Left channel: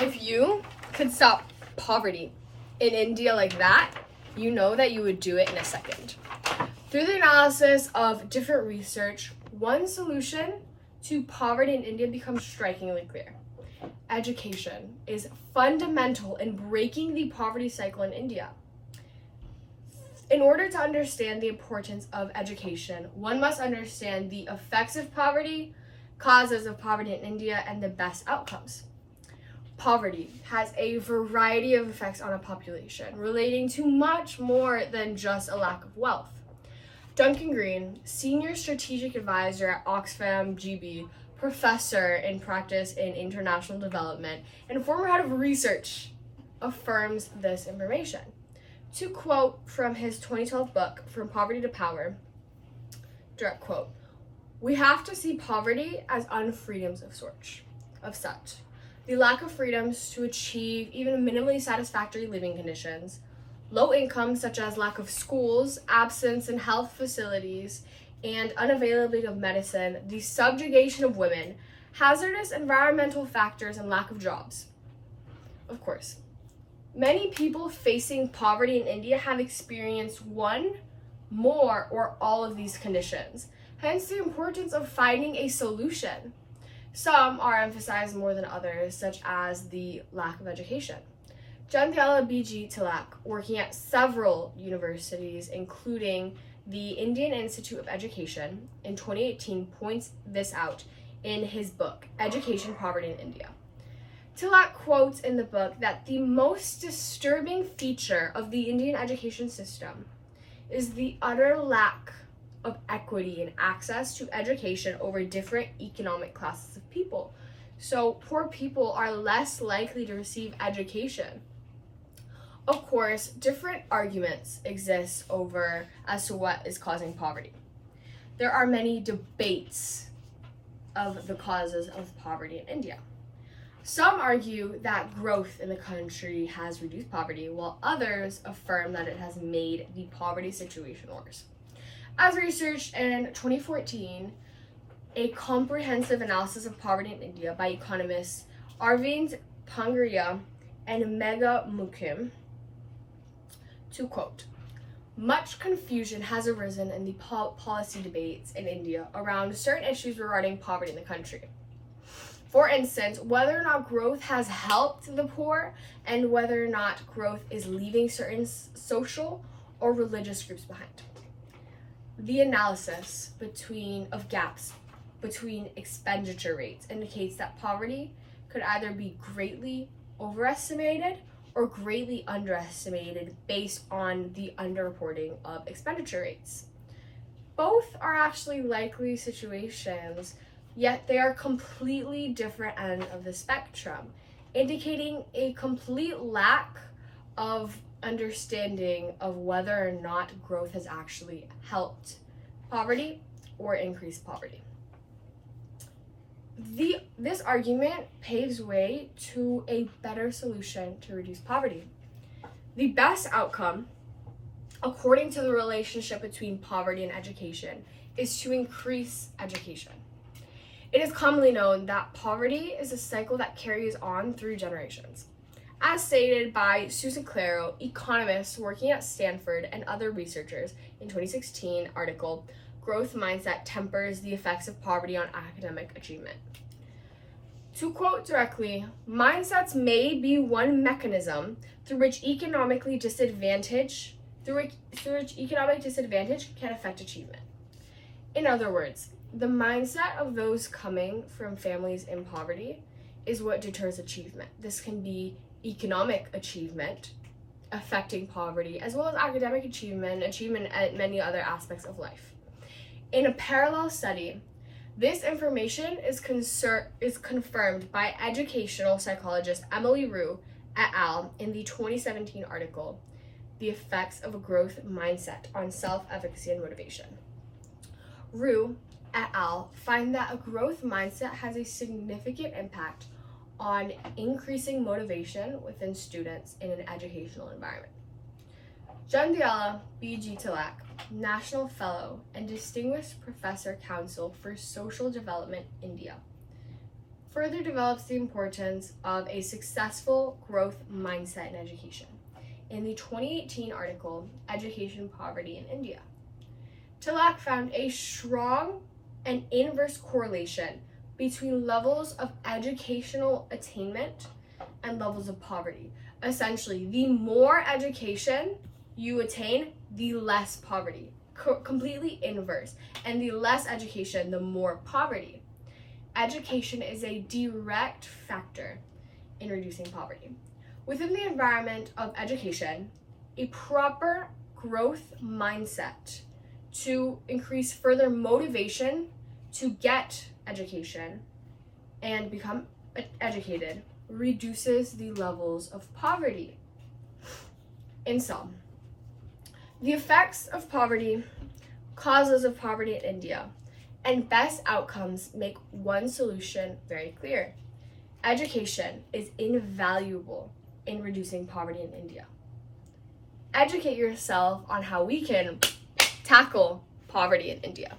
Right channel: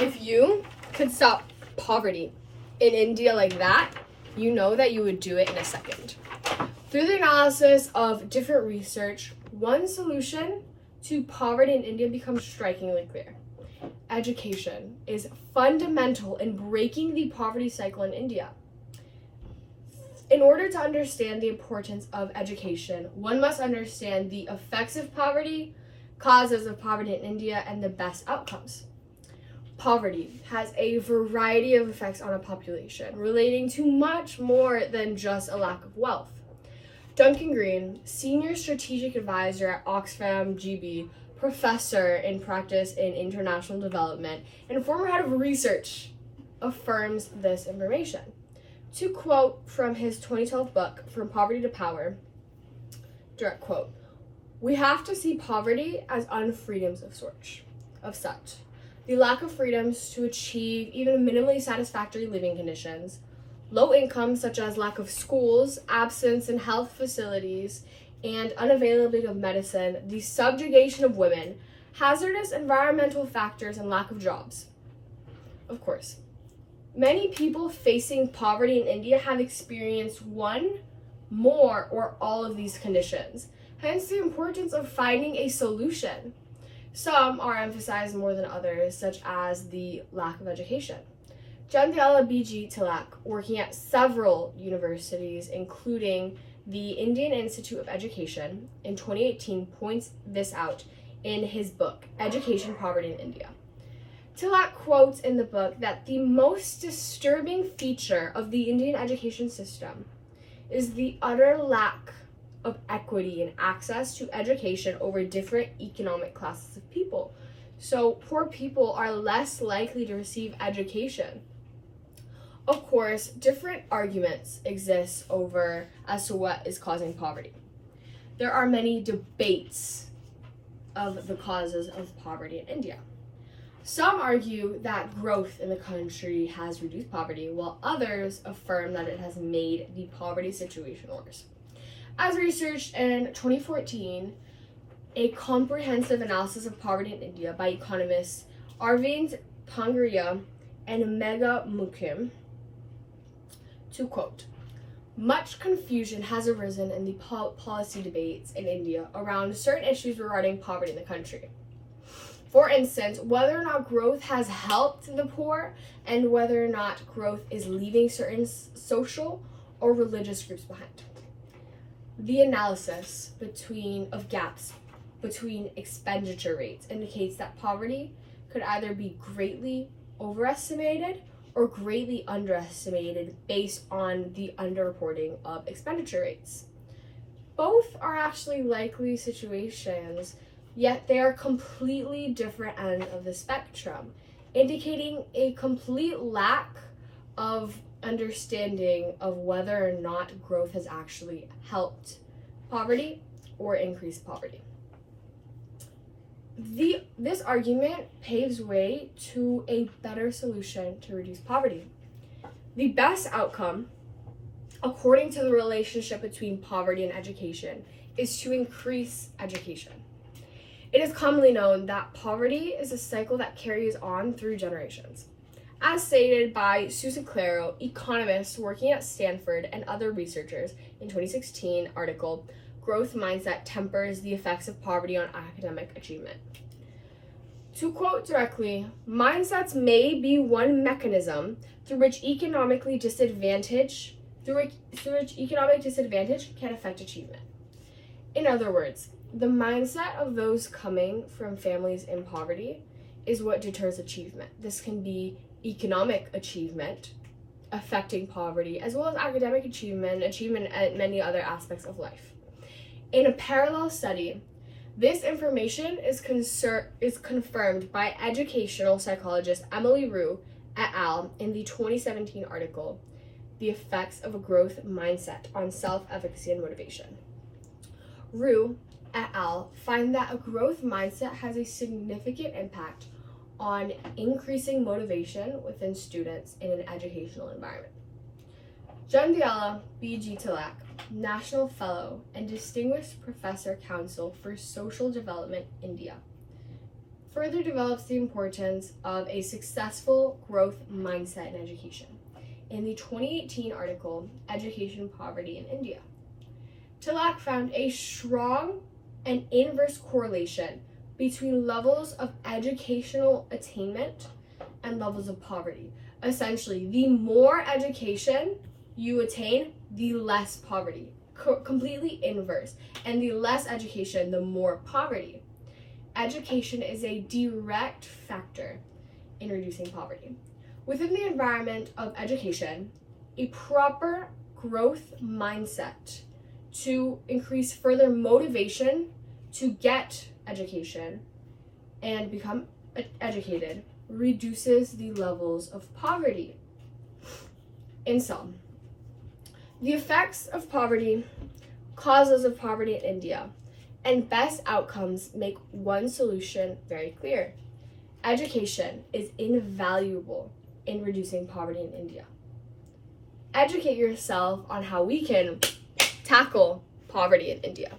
If you could stop poverty in India like that, you know that you would do it in a second. Through the analysis of different research, one solution to poverty in India becomes strikingly clear. Education is fundamental in breaking the poverty cycle in India. In order to understand the importance of education, one must understand the effects of poverty, causes of poverty in India, and the best outcomes. Poverty has a variety of effects on a population, relating to much more than just a lack of wealth. Duncan Green, Senior Strategic Advisor at Oxfam GB, Professor in Practice in International Development, and former head of research, affirms this information. To quote from his 2012 book, From Poverty to Power, direct quote, "We have to see poverty as unfreedoms of such. The lack of freedoms to achieve even minimally satisfactory living conditions, low income such as lack of schools, absence in health facilities, and unavailability of medicine, the subjugation of women, hazardous environmental factors, and lack of jobs." Of course, many people facing poverty in India have experienced one, more, or all of these conditions, hence the importance of finding a solution. Some are emphasized more than others, such as the lack of education. Jandyala B.G. Tilak, working at several universities, including the Indian Institute of Education, in 2018 points this out in his book, Education, Poverty in India. Tilak quotes in the book that the most disturbing feature of the Indian education system is the utter lack of equity and access to education over different economic classes of people. So poor people are less likely to receive education. Of course, different arguments exist as to what is causing poverty. There are many debates of the causes of poverty in India. Some argue that growth in the country has reduced poverty, while others affirm that it has made the poverty situation worse. As researched in 2014, a comprehensive analysis of poverty in India by economists Arvind Pangaria and Megha Mukim, to quote, "Much confusion has arisen in the policy debates in India around certain issues regarding poverty in the country. For instance, whether or not growth has helped the poor and whether or not growth is leaving certain social or religious groups behind. The analysis of gaps between expenditure rates indicates that poverty could either be greatly overestimated or greatly underestimated based on the underreporting of expenditure rates. Both are actually likely situations, yet they are completely different ends of the spectrum, indicating a complete lack of understanding of whether or not growth has actually helped poverty or increased poverty." This argument paves way to a better solution to reduce poverty. The best outcome, according to the relationship between poverty and education, is to increase education. It is commonly known that poverty is a cycle that carries on through generations. As stated by Susan Claro, economists working at Stanford, and other researchers in 2016 article, "Growth Mindset Tempers the Effects of Poverty on Academic Achievement." To quote directly, "Mindsets may be one mechanism through which economic disadvantage can affect achievement." In other words, the mindset of those coming from families in poverty is what deters achievement. This can be economic achievement affecting poverty, as well as academic achievement at many other aspects of life. In a parallel study, this information is confirmed by educational psychologist Emily Rue et al. In the 2017 article, "The Effects of a Growth Mindset on Self-Efficacy and Motivation." Rue et al. Find that a growth mindset has a significant impact on increasing motivation within students in an educational environment. Jandyala B.G. Tilak, National Fellow and Distinguished Professor Council for Social Development, India, further develops the importance of a successful growth mindset in education in the 2018 article, Education Poverty in India. Tilak found a strong and inverse correlation between levels of educational attainment and levels of poverty. Essentially, the more education you attain, the less poverty. Completely inverse. And the less education, the more poverty. Education is a direct factor in reducing poverty. Within the environment of education, a proper growth mindset to increase further motivation to get education and become educated reduces the levels of poverty. In sum, the effects of poverty, causes of poverty in India, and best outcomes make one solution very clear. Education is invaluable in reducing poverty in India. Educate yourself on how we can tackle poverty in India.